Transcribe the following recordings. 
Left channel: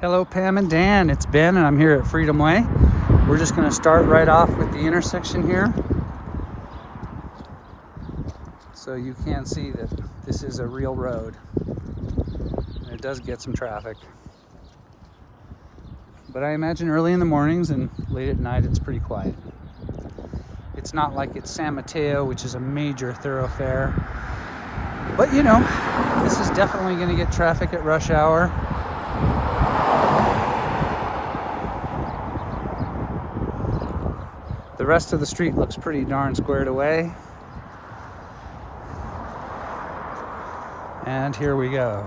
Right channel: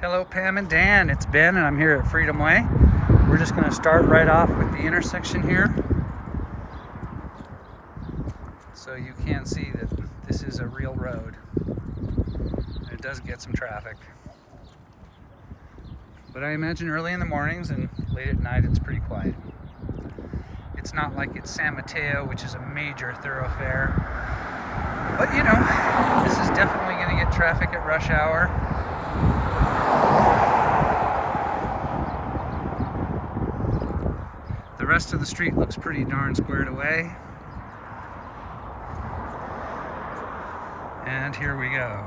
Hello Pam and Dan, it's Ben and I'm here at Freedom Way. We're just going to start right off with the intersection here. So you can see that this is a real road. And it does get some traffic. But I imagine early in the mornings and late at night it's pretty quiet. It's not like it's San Mateo, which is a major thoroughfare. But you know, this is definitely going to get traffic at rush hour. The rest of the street looks pretty darn squared away. And here we go.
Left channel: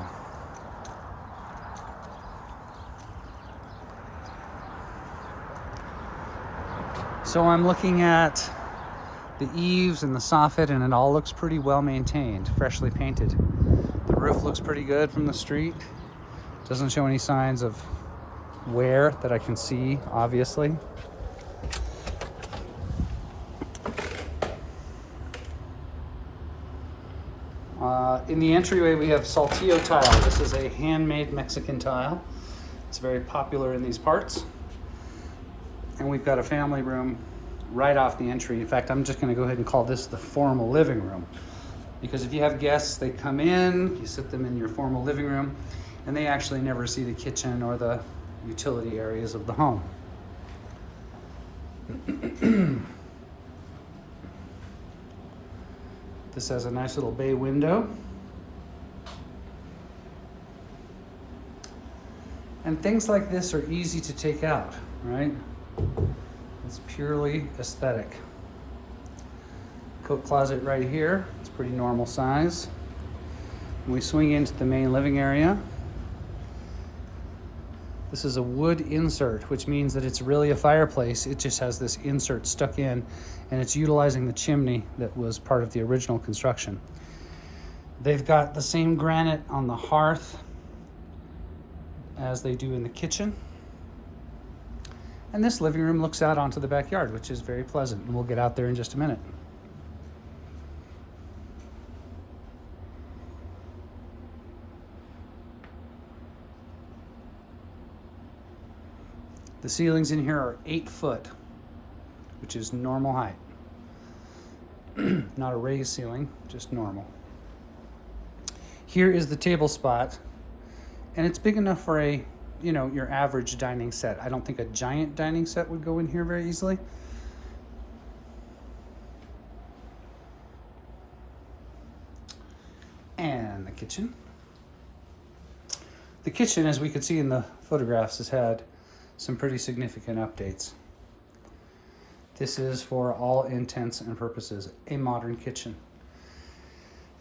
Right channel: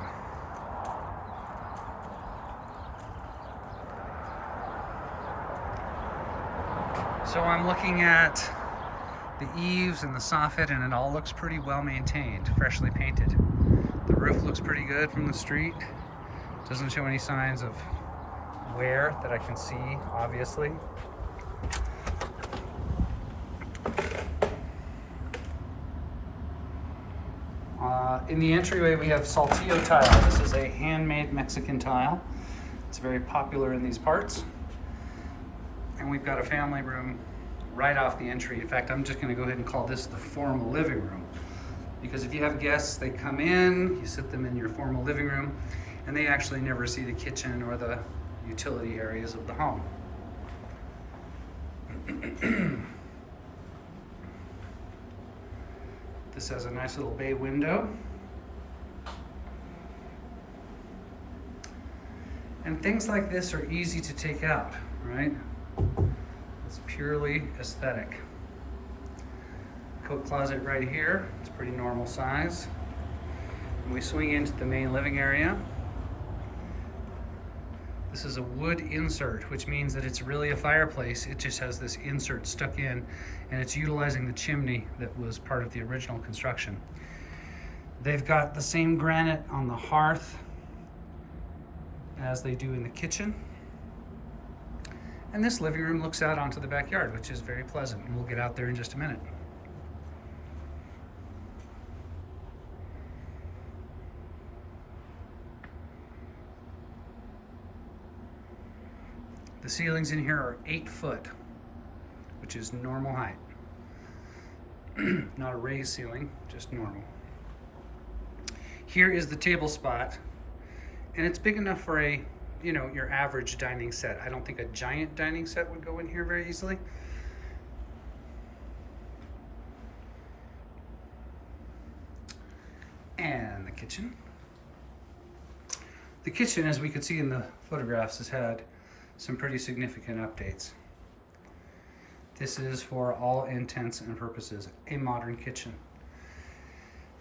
So I'm looking at the eaves and the soffit and it all looks pretty well maintained, freshly painted. The roof looks pretty good from the street. Doesn't show any signs of wear that I can see, obviously. In the entryway we have Saltillo tile. This is a handmade Mexican tile. It's very popular in these parts. And we've got a family room right off the entry. In fact, I'm just going to go ahead and call this the formal living room. Because if you have guests, they come in, you sit them in your formal living room, and they actually never see the kitchen or the utility areas of the home. This has a nice little bay window. And things like this are easy to take out, right? It's purely aesthetic. Coat closet right here. It's pretty normal size. And we swing into the main living area. This is a wood insert, which means that it's really a fireplace. It just has this insert stuck in, and it's utilizing the chimney that was part of the original construction. They've got the same granite on the hearth as they do in the kitchen. And this living room looks out onto the backyard, which is very pleasant, and we'll get out there in just a minute. The ceilings in here are 8 foot, which is normal height. Not a raised ceiling, just normal. Here is the table spot, and it's big enough for a, your average dining set. I don't think a giant dining set would go in here very easily. And the kitchen. The kitchen, as we could see in the photographs, has had some pretty significant updates. This is, for all intents and purposes, a modern kitchen.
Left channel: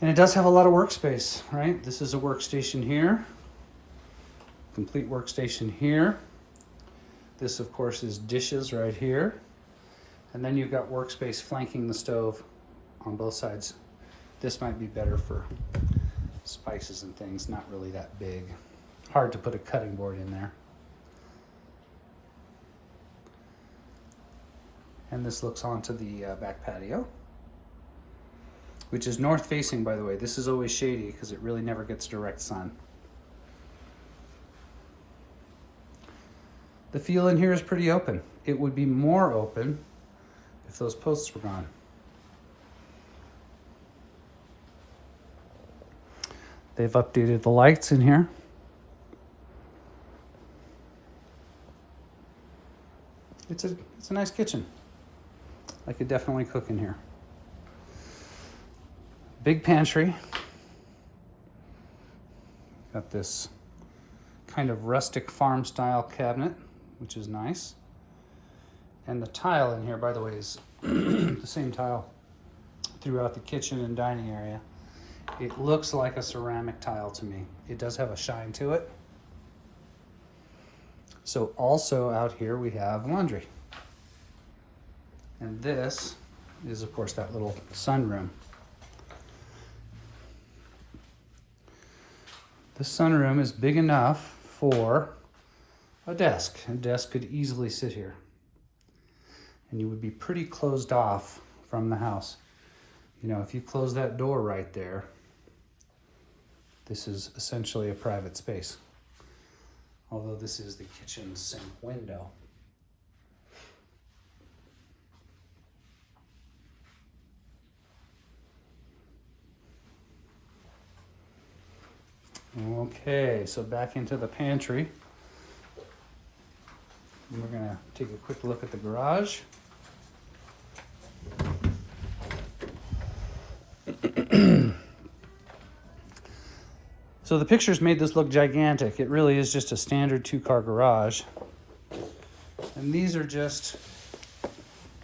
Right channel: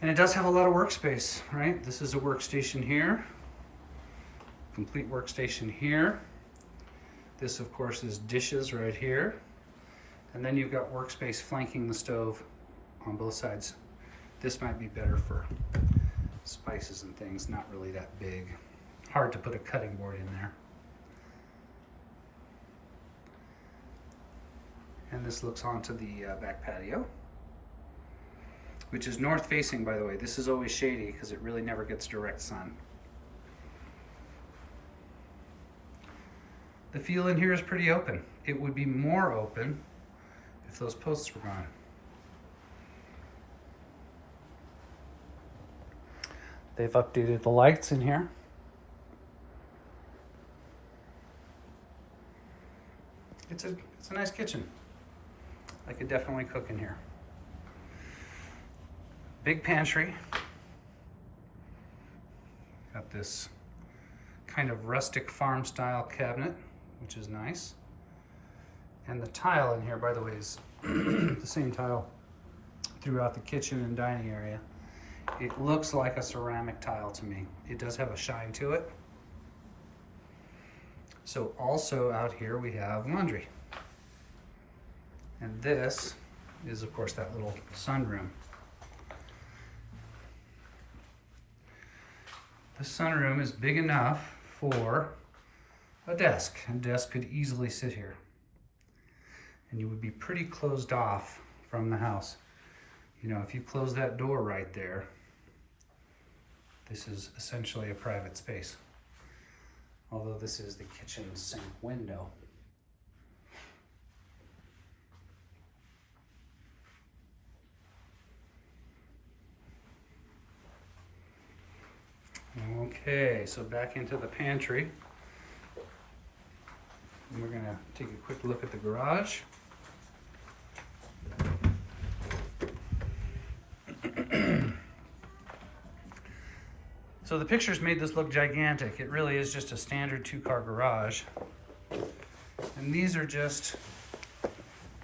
And it does have a lot of workspace, right? This is a workstation here. Complete workstation here. This, of course, is dishes right here. And then you've got workspace flanking the stove on both sides. This might be better for spices and things, not really that big. Hard to put a cutting board in there. And this looks onto the back patio, which is north facing, by the way. This is always shady because it really never gets direct sun. The feel in here is pretty open. It would be more open if those posts were gone. They've updated the lights in here. It's a nice kitchen. I could definitely cook in here. Big pantry. Got this kind of rustic farm style cabinet, which is nice. And the tile in here, by the way, is the same tile throughout the kitchen and dining area. It looks like a ceramic tile to me. It does have a shine to it. So also out here we have laundry. And this is, of course, that little sunroom. The sunroom is big enough for a desk. A desk could easily sit here. And you would be pretty closed off from the house. If you close that door right there, this is essentially a private space. although this is the kitchen sink window. Okay, so back into the pantry. We're gonna take a quick look at the garage. So the pictures made this look gigantic. It really is just a standard 2-car garage. And these are just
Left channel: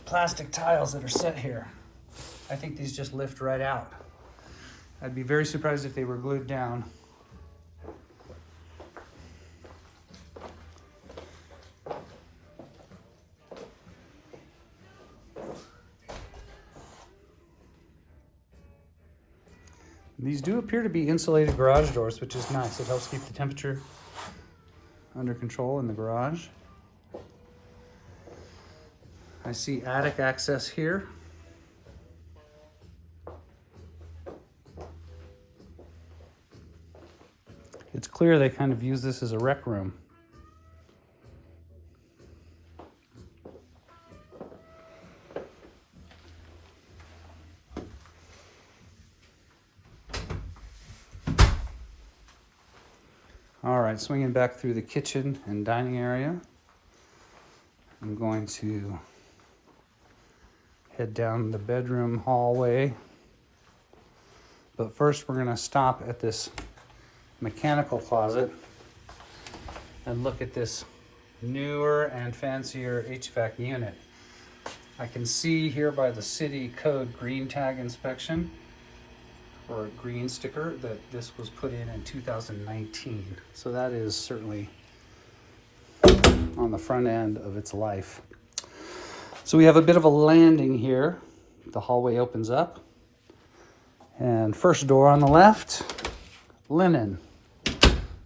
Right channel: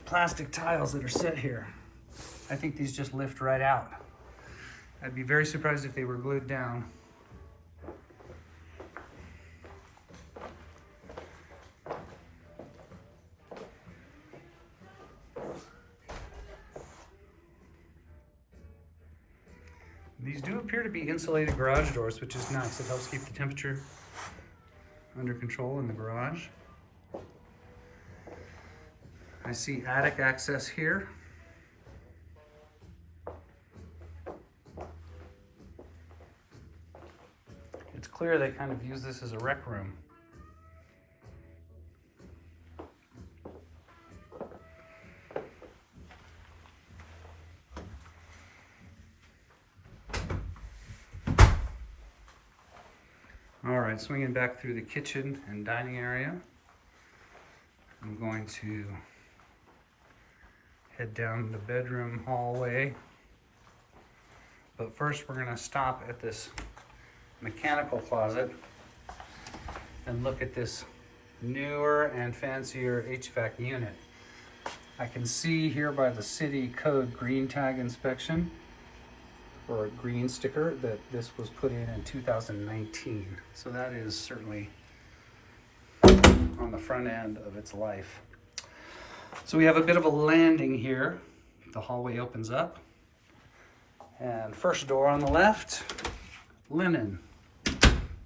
plastic tiles that are set here. I think these just lift right out. I'd be very surprised if they were glued down. These do appear to be insulated garage doors, which is nice. It helps keep the temperature under control in the garage. I see attic access here. It's clear they kind of use this as a rec room. All right, swinging back through the kitchen and dining area. I'm going to head down the bedroom hallway. But first we're gonna stop at this mechanical closet and look at this newer and fancier HVAC unit. I can see here by the city code green tag inspection, or a green sticker, that this was put in 2019. So that is certainly on the front end of its life. So we have a bit of a landing here. The hallway opens up. And first door on the left, linen.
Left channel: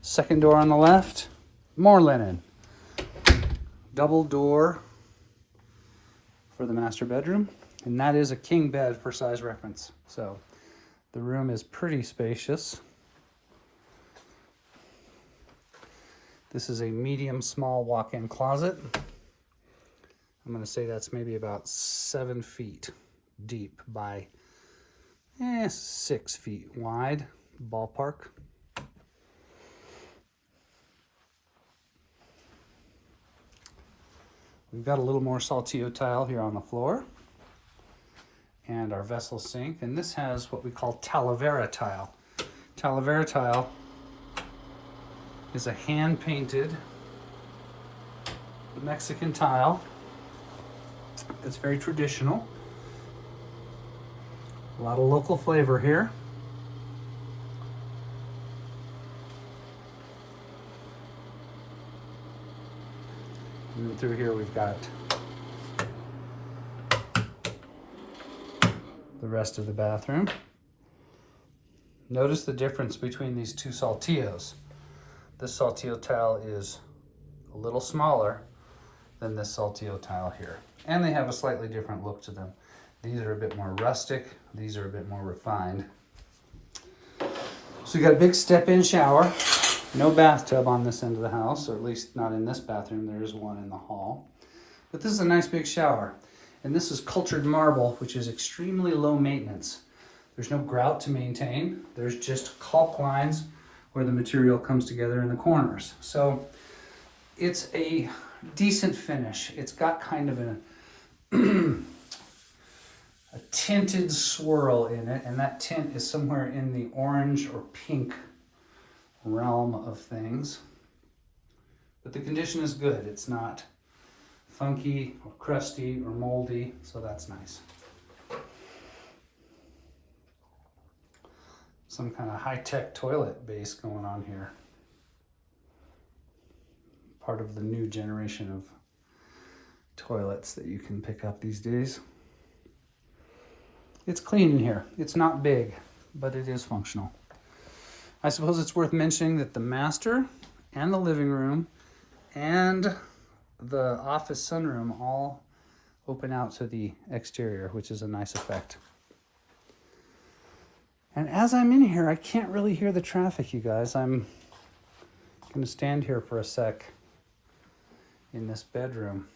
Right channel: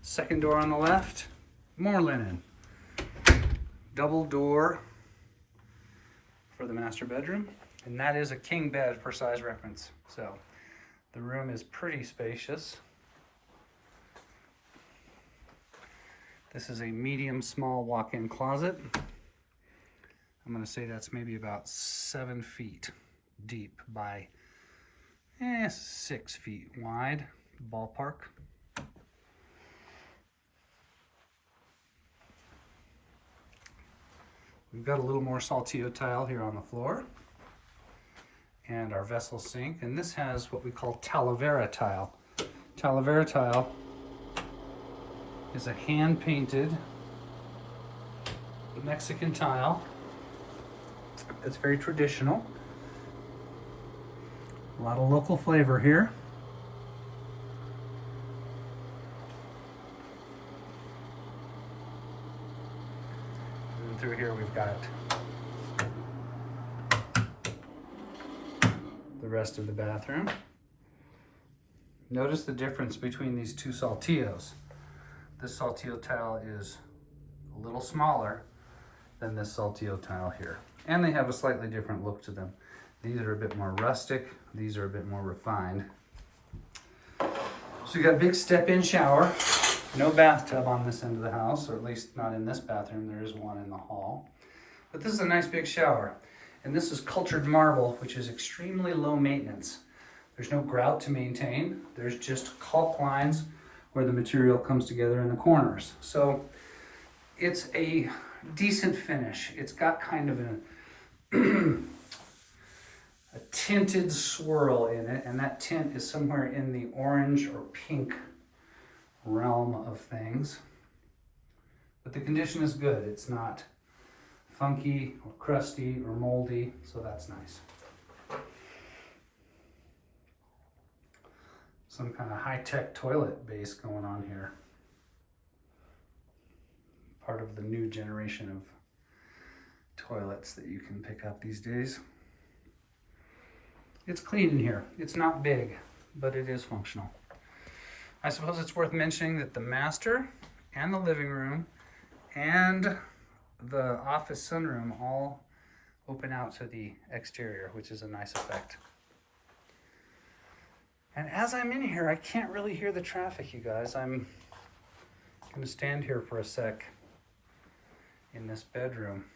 Second door on the left, more linen. Double door for the master bedroom. And that is a king bed for size reference. So the room is pretty spacious. This is a medium small walk-in closet. I'm gonna say that's maybe about 7 feet deep by 6 feet wide, ballpark. We've got a little more Saltillo tile here on the floor and our vessel sink, and this has what we call Talavera tile. Talavera tile is a hand-painted Mexican tile that's very traditional. A lot of local flavor here. And through here we've got the rest of the bathroom. Notice the difference between these two Saltillos. This Saltillo tile is a little smaller than this Saltillo tile here. And they have a slightly different look to them. These are a bit more rustic. These are a bit more refined. So you got a big step-in shower. No bathtub on this end of the house, or at least not in this bathroom. There is one in the hall. But this is a nice big shower. And this is cultured marble, which is extremely low maintenance. There's no grout to maintain. There's just caulk lines where the material comes together in the corners. So it's a decent finish. It's got kind of a tinted swirl in it, and that tint is somewhere in the orange or pink realm of things. But the condition is good. It's not funky or crusty or moldy, so that's nice. Some kind of high-tech toilet base going on here. Part of the new generation of toilets that you can pick up these days. It's clean in here. It's not big, but it is functional. I suppose it's worth mentioning that the master and the living room and the office sunroom all open out to the exterior, which is a nice effect. And as I'm in here, I can't really hear the traffic, you guys. I'm I'm gonna stand here for a sec in this bedroom.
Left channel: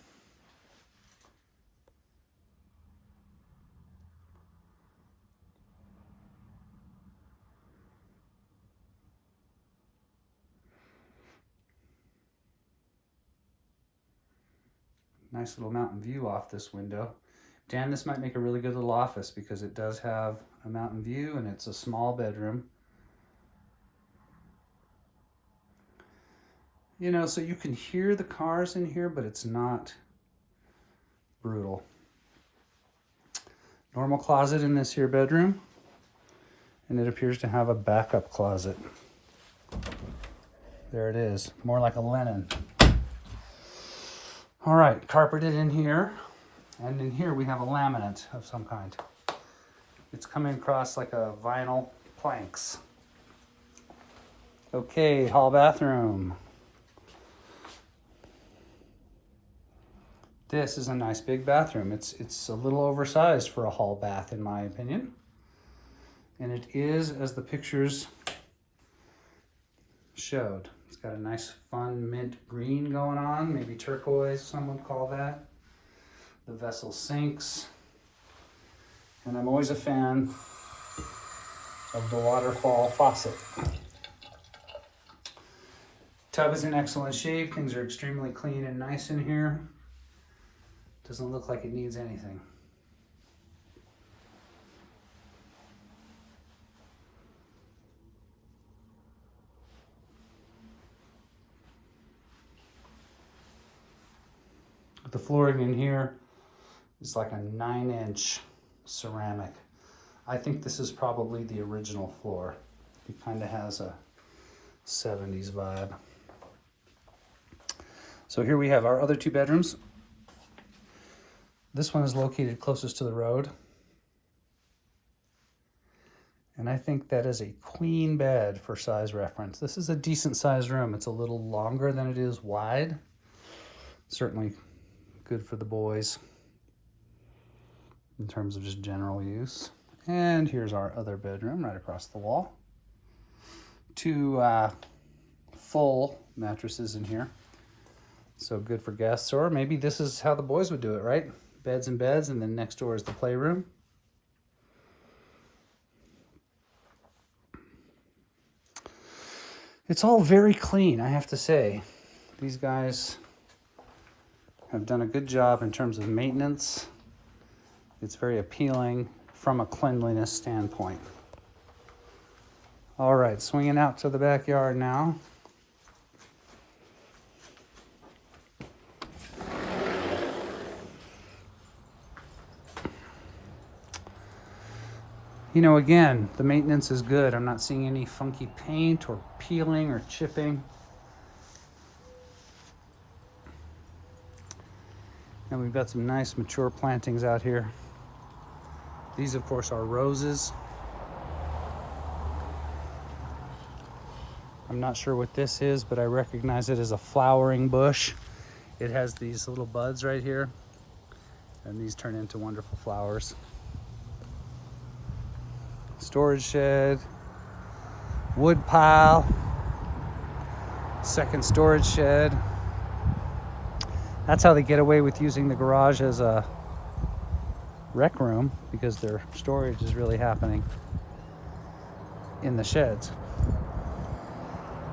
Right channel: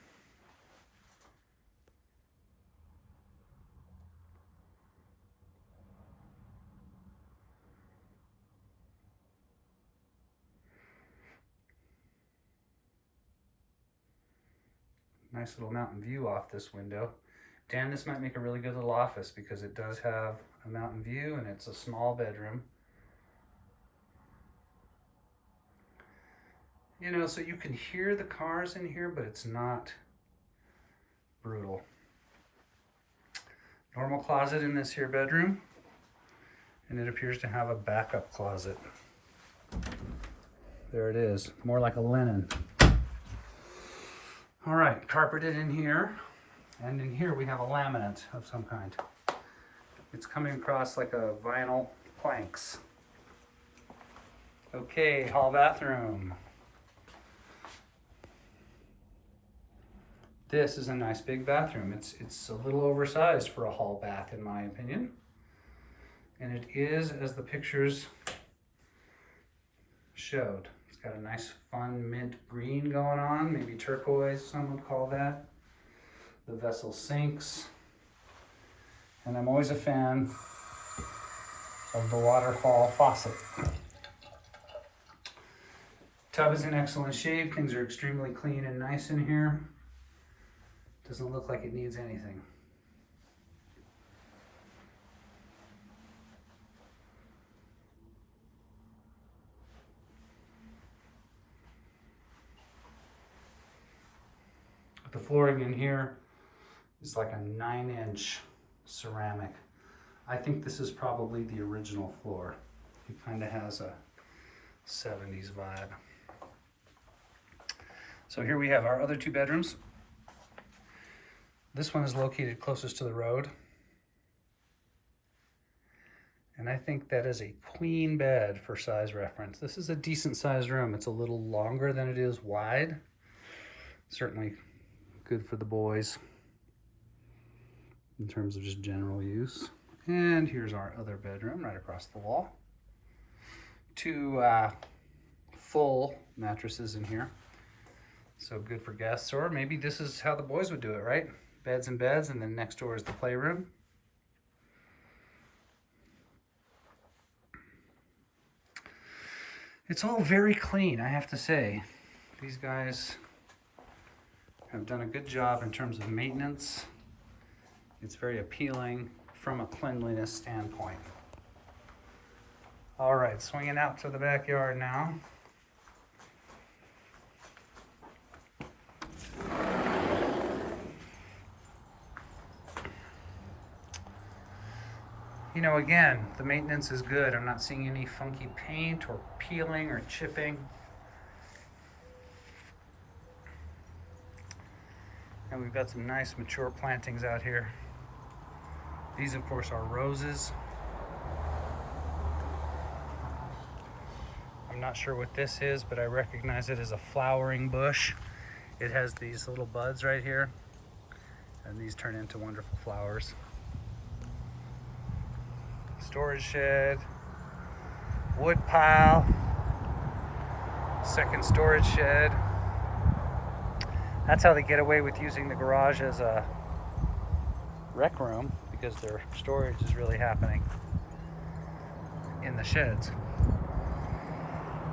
Nice little mountain view off this window. Dan, this might make a really good little office because it does have a mountain view and it's a small bedroom. You know, so you can hear the cars in here, but it's not brutal. Normal closet in this here bedroom, and it appears to have a backup closet. There it is, more like a linen. All right, carpeted in here, and in here we have a laminate of some kind. It's coming across like a vinyl planks. Okay, hall bathroom. This is a nice big bathroom. It's a little oversized for a hall bath in my opinion. And it is as the pictures showed. It's got a nice fun mint green going on, maybe turquoise some would call that. The vessel sinks. And I'm always a fan of the waterfall faucet. Tub is in excellent shape. Things are extremely clean and nice in here. Doesn't look like it needs anything. The flooring in here is like a 9-inch ceramic. I think this is probably the original floor. It kind of has a 70s vibe. So here we have our other two bedrooms. This one is located closest to the road. And I think that is a queen bed for size reference. This is a decent sized room. It's a little longer than it is wide. Certainly good for the boys in terms of just general use. And here's our other bedroom right across the wall. Two full mattresses in here. So good for guests, or maybe this is how the boys would do it, right? Beds and beds, and then next door is the playroom. It's all very clean, I have to say. These guys have done a good job in terms of maintenance. It's very appealing from a cleanliness standpoint. All right, swinging out to the backyard now. You know, again, the maintenance is good. I'm not seeing any funky paint or peeling or chipping. And we've got some nice mature plantings out here. These, of course, are roses. I'm not sure what this is, but I recognize it as a flowering bush. It has these little buds right here, and these turn into wonderful flowers. Storage shed, wood pile, second storage shed. That's how they get away with using the garage as a rec room, because their storage is really happening in the sheds.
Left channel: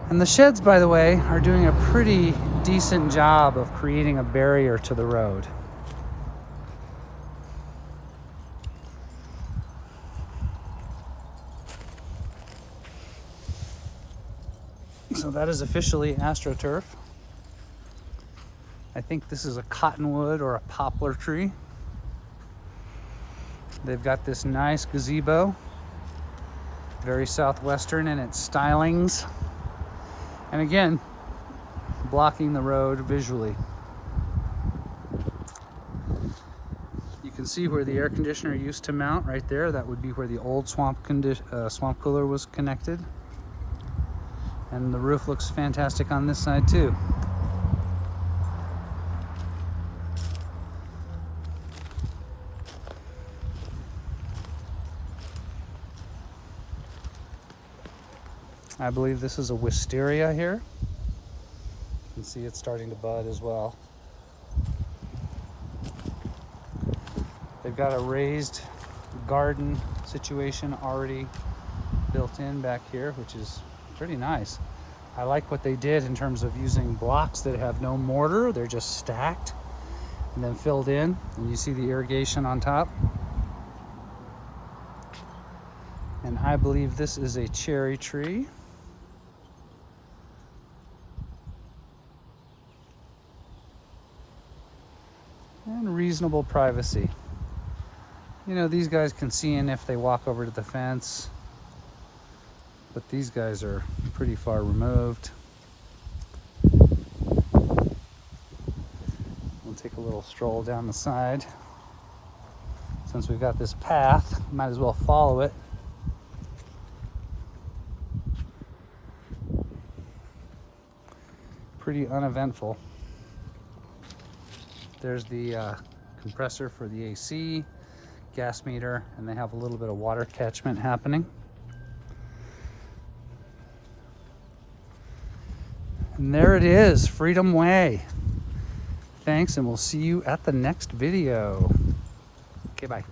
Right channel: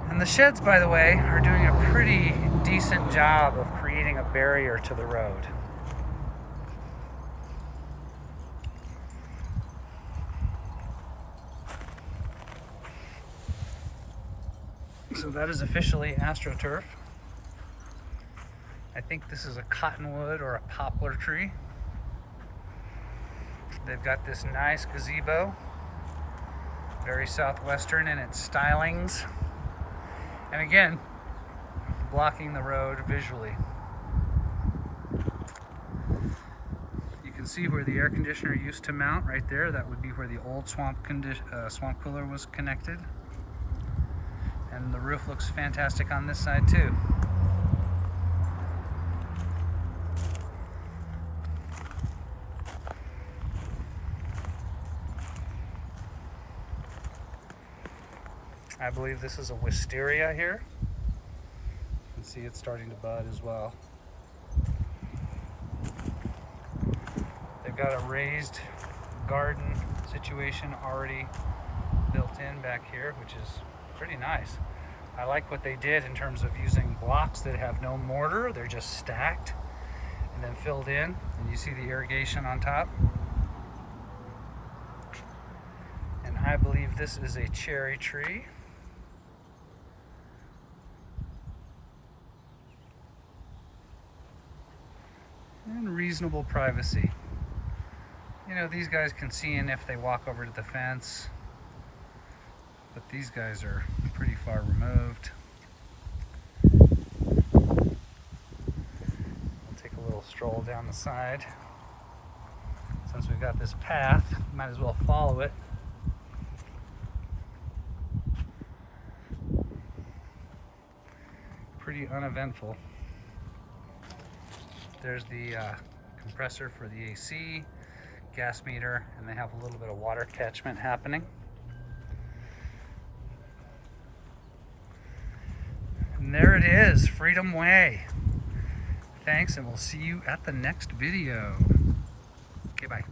And the sheds, by the way, are doing a pretty decent job of creating a barrier to the road. So that is officially AstroTurf. I think this is a cottonwood or a poplar tree. They've got this nice gazebo, very southwestern in its stylings. And again, blocking the road visually. You can see where the air conditioner used to mount right there. That would be where the old swamp cooler was connected. And the roof looks fantastic on this side too. I believe this is a wisteria here. can see it's starting to bud as well. They've got a raised garden situation already built in back here, which is pretty nice. I like what they did in terms of using blocks that have no mortar. They're just stacked and then filled in, and you see the irrigation on top. And I believe this is a cherry tree. And reasonable privacy. You know, these guys can see in if they walk over to the fence, but these guys are pretty far removed. We'll take a little stroll down the side. Since we've got this path, might as well follow it. Pretty uneventful. There's the compressor for the AC, gas meter, and they have a little bit of water catchment happening. And there it is, Freedom Way. Thanks, and we'll see you at the next video. Okay, bye.